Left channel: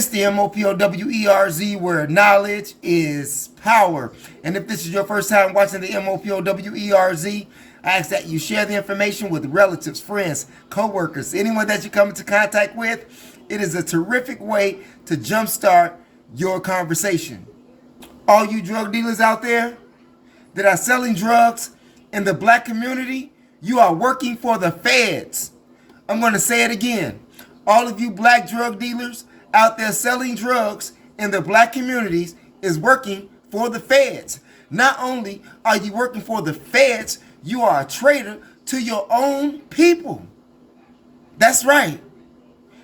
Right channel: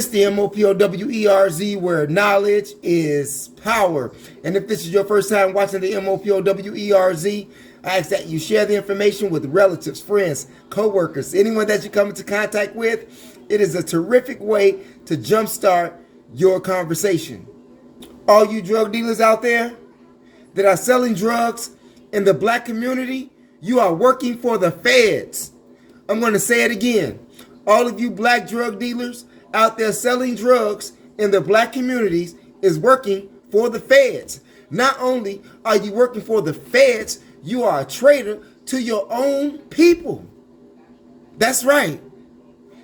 It's the MOPOWERZ, where knowledge is power. And if this is your first time watching the MOPOWERZ, I ask that you share the information with relatives, friends, co-workers, anyone that you come into contact with. It is a terrific way to jumpstart your conversation. All you drug dealers out there that are selling drugs in the black community, you are working for the feds. I'm going to say it again. All of you black drug dealers out there selling drugs in the black communities is working for the feds. Not only are you working for the feds, you are a traitor to your own people. That's right.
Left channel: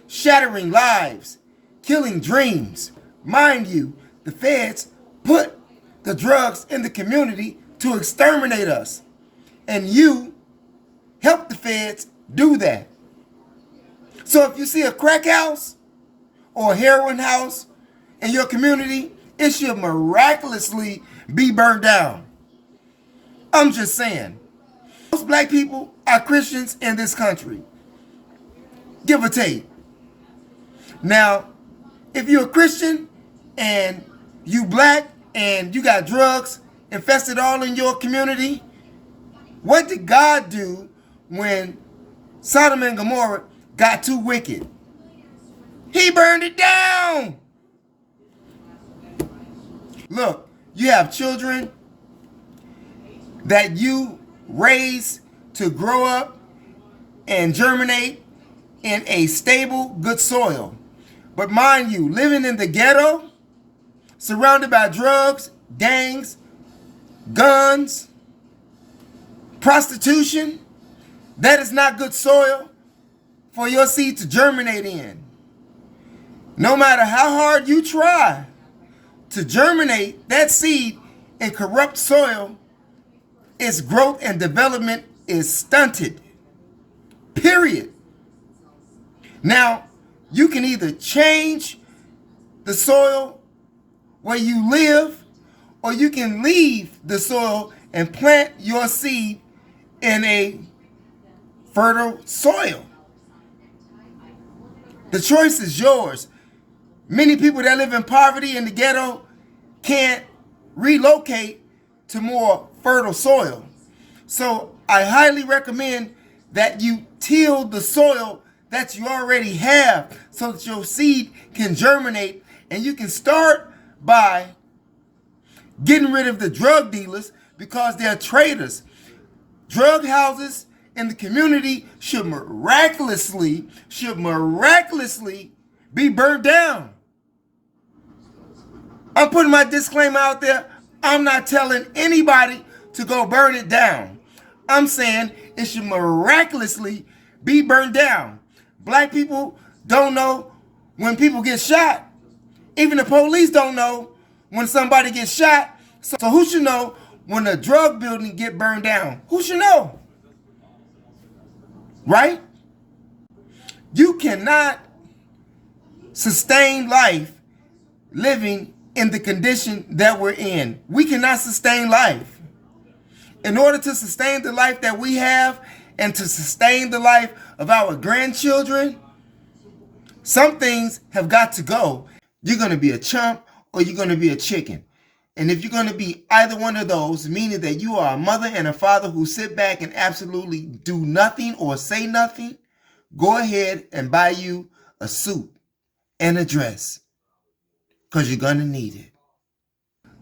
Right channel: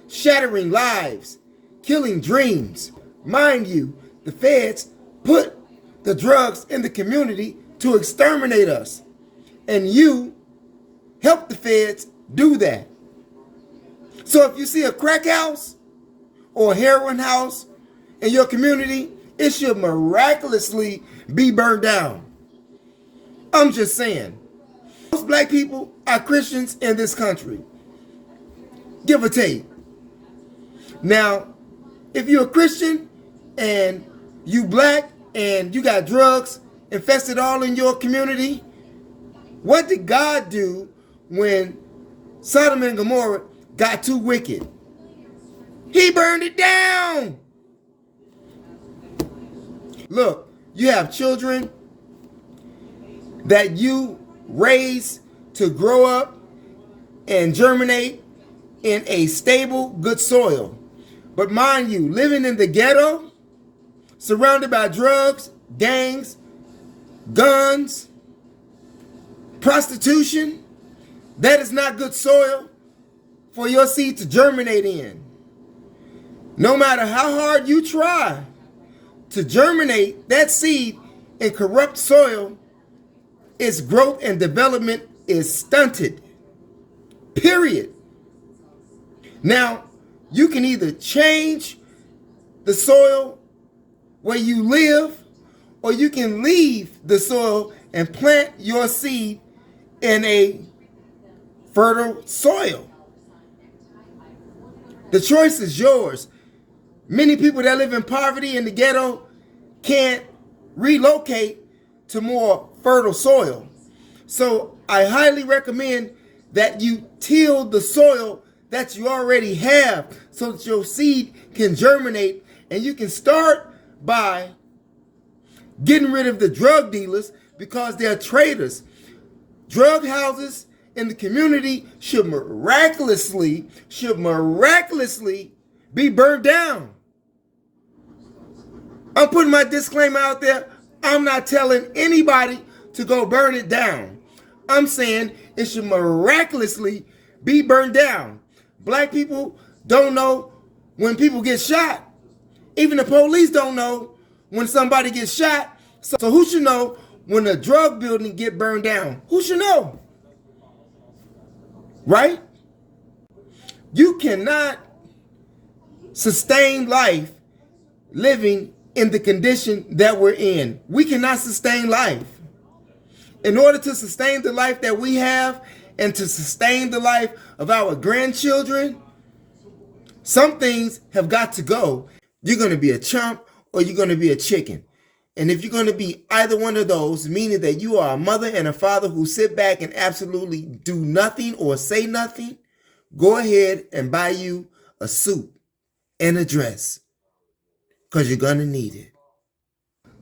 Shattering lives, killing dreams. Mind you, the feds put the drugs in the community to exterminate us. And you help the feds do that. So if you see a crack house or a heroin house in your community, it should miraculously be burned down. I'm just saying. Most black people are Christians in this country, give or take. Now, if you're a Christian and you black and you got drugs infested all in your community, what did God do when Sodom and Gomorrah got too wicked? He burned it down. Look, you have children that you raise to grow up and germinate in a stable, good soil. But mind you, living in the ghetto, surrounded by drugs, gangs, guns, prostitution, that is not good soil for your seed to germinate in. No matter how hard you try to germinate that seed in corrupt soil, its growth and development is stunted. Period. Now, you can either change the soil where you live, or you can leave the soil and plant your seed in a fertile soil. The choice is yours. Many people that live in poverty in the ghetto can't relocate to more fertile soil. So I highly recommend that you till the soil that you already have so that your seed can germinate, and you can start by getting rid of the drug dealers because they're traitors. Drug houses in the community should miraculously be burned down. I'm putting my disclaimer out there. I'm not telling anybody to go burn it down. I'm saying it should miraculously be burned down. Black people don't know when people get shot. Even the police don't know when somebody gets shot. So who should know when a drug building get burned down? Who should know? Right? You cannot sustain life living in the condition that we're in. We cannot sustain life. In order to sustain the life that we have and to sustain the life of our grandchildren, some things have got to go. You're going to be a chump or you're going to be a chicken. And if you're going to be either one of those, meaning that you are a mother and a father who sit back and absolutely do nothing or say nothing, go ahead and buy you a suit and a dress, because you're going to need it.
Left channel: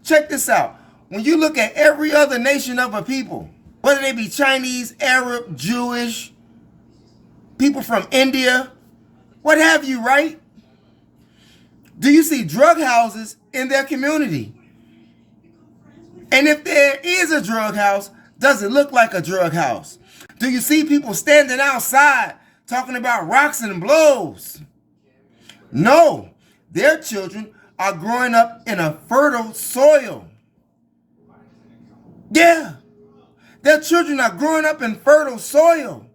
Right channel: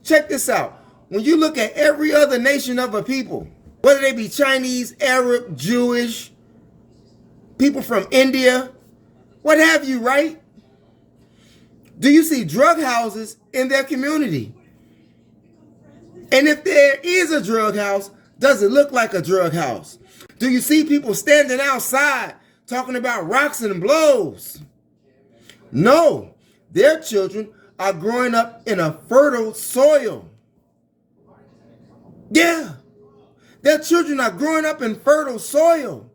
Check this out. When you look at every other nation of a people, whether they be Chinese, Arab, Jewish, people from India, what have you, right? Do you see drug houses in their community? And if there is a drug house, does it look like a drug house? Do you see people standing outside talking about rocks and blows? No, their children are growing up in a fertile soil. Yeah, their children are growing up in fertile soil.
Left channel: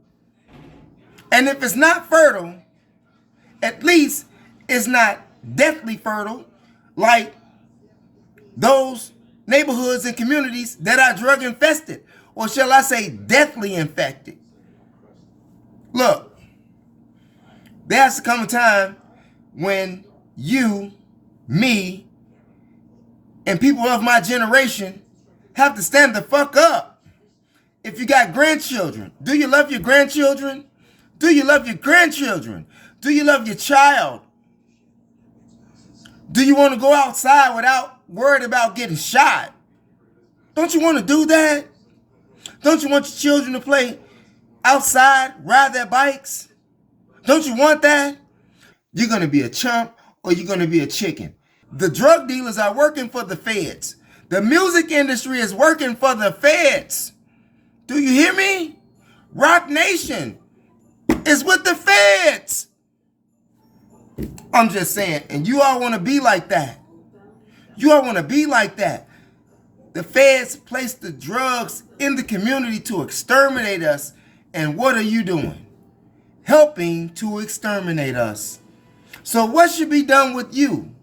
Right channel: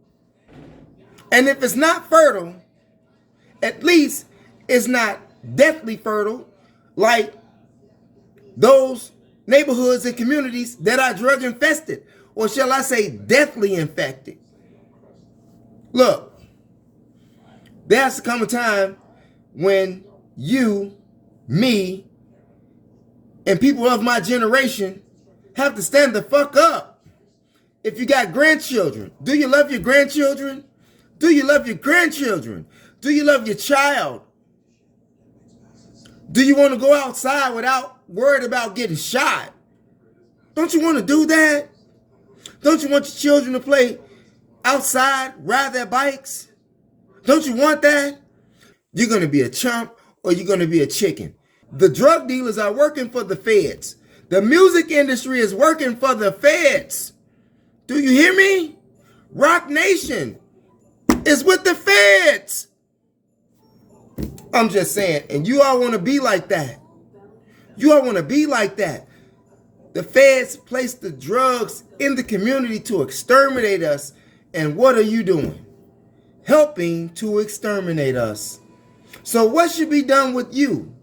And if it's not fertile, at least it's not deathly fertile like those neighborhoods and communities that are drug infested, or shall I say deathly infected. Look, there has to come a time when you, me, and people of my generation have to stand the fuck up. If you got grandchildren, do you love your grandchildren? Do you love your grandchildren? Do you love your child? Do you want to go outside without worried about getting shot? Don't you want to do that? Don't you want your children to play outside, ride their bikes? Don't you want that? You're going to be a chump or you're going to be a chicken. The drug dealers are working for the feds. The music industry is working for the feds. Do you hear me? Rock Nation is with the feds. I'm just saying, and you all want to be like that. You all want to be like that. The feds place the drugs in the community to exterminate us. And what are you doing? Helping to exterminate us. So what should be done with you?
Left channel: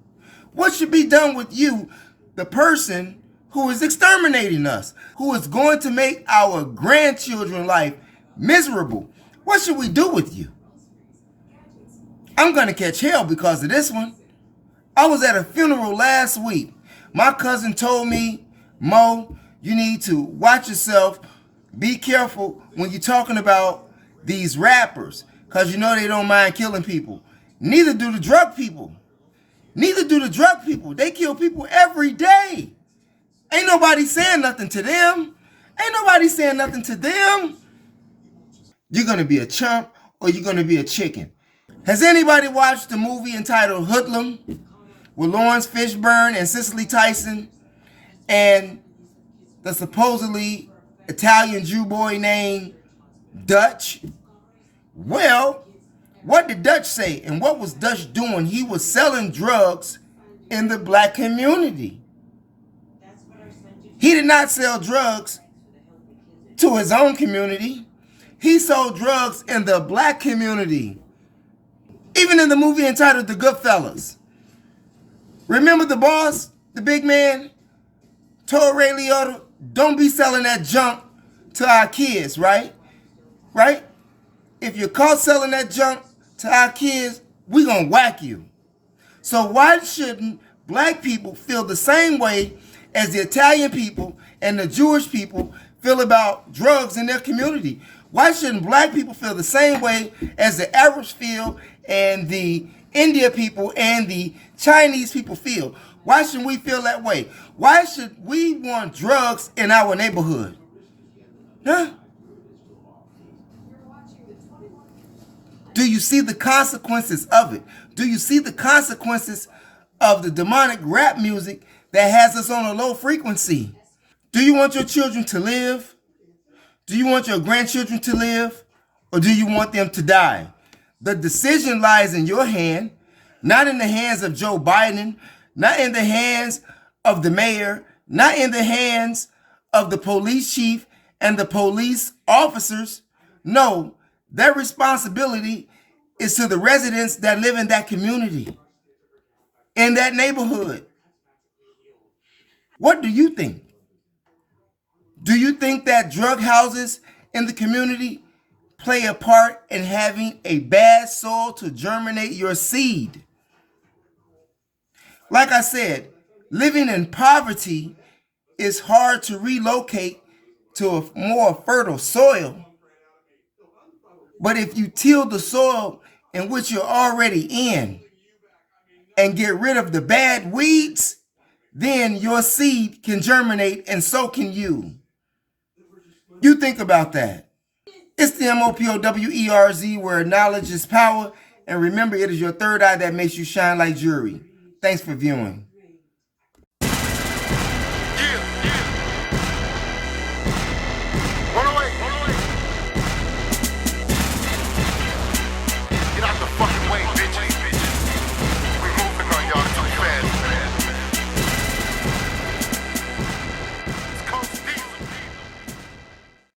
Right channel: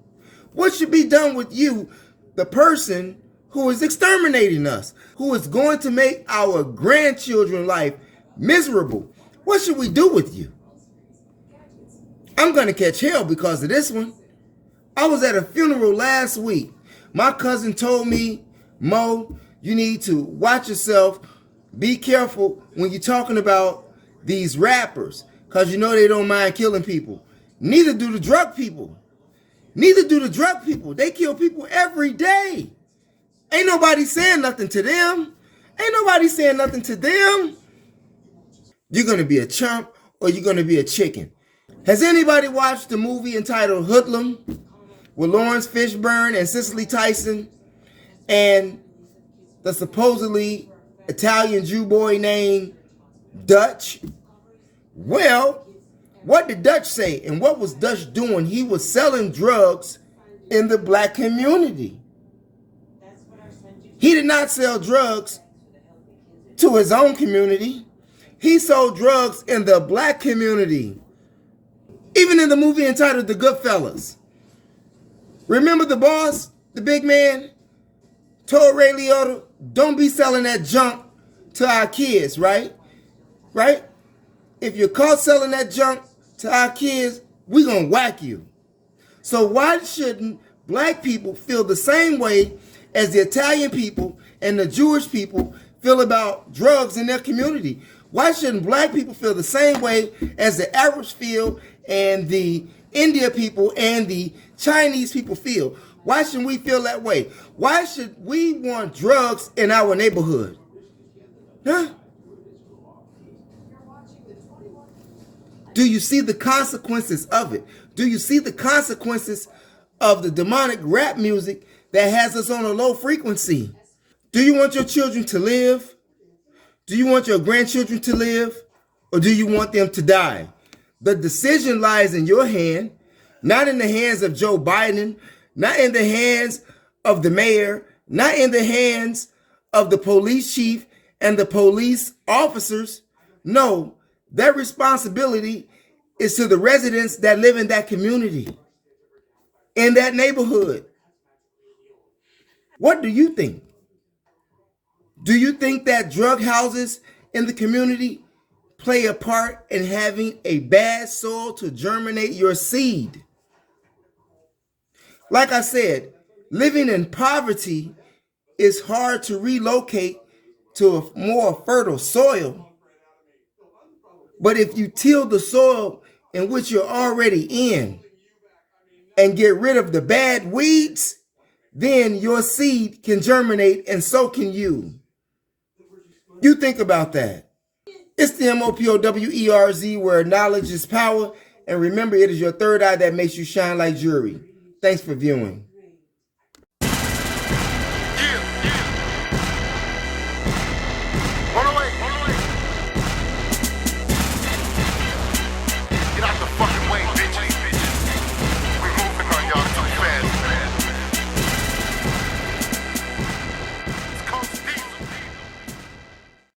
What should be done with you, the person who is exterminating us, who is going to make our grandchildren's life miserable? What should we do with you? I'm going to catch hell because of this one. I was at a funeral last week. My cousin told me, Mo, you need to watch yourself. Be careful when you're talking about these rappers because you know they don't mind killing people. Neither do the drug people. Neither do the drug people. They kill people every day. Ain't nobody saying nothing to them. Ain't nobody saying nothing to them. You're going to be a chump or you're going to be a chicken. Has anybody watched the movie entitled Hoodlum with Lawrence Fishburne and Cicely Tyson and the supposedly Italian Jew boy named Dutch? Well, what did Dutch say and what was Dutch doing? He was selling drugs in the black community. He did not sell drugs to his own community. He sold drugs in the black community. Even in the movie entitled The Goodfellas. Remember the boss, the big man, told Ray Liotta, don't be selling that junk to our kids, right? Right? If you're caught selling that junk to our kids, we're going to whack you. So why shouldn't black people feel the same way as the Italian people and the Jewish people feel about drugs in their community? Why shouldn't black people feel the same way as the Arabs feel and the India people and the Chinese people feel? Why shouldn't we feel that way? Why should we want drugs in our neighborhood? Huh? Do you see the consequences of it? Do you see the consequences of the demonic rap music that has us on a low frequency? Do you want your children to live? Do you want your grandchildren to live? Or do you want them to die? The decision lies in your hand, not in the hands of Joe Biden, not in the hands of the mayor, not in the hands of the police chief and the police officers. No, their responsibility is to the residents that live in that community, in that neighborhood. What do you think? Do you think that drug houses in the community play a part in having a bad soil to germinate your seed? Like I said, living in poverty is hard to relocate to a more fertile soil. But if you till the soil in which you're already in and get rid of the bad weeds, then your seed can germinate and so can you. You think about that. It's the MOPOWERZ where knowledge is power. And remember, it is your third eye that makes you shine like jewelry. Thanks for viewing.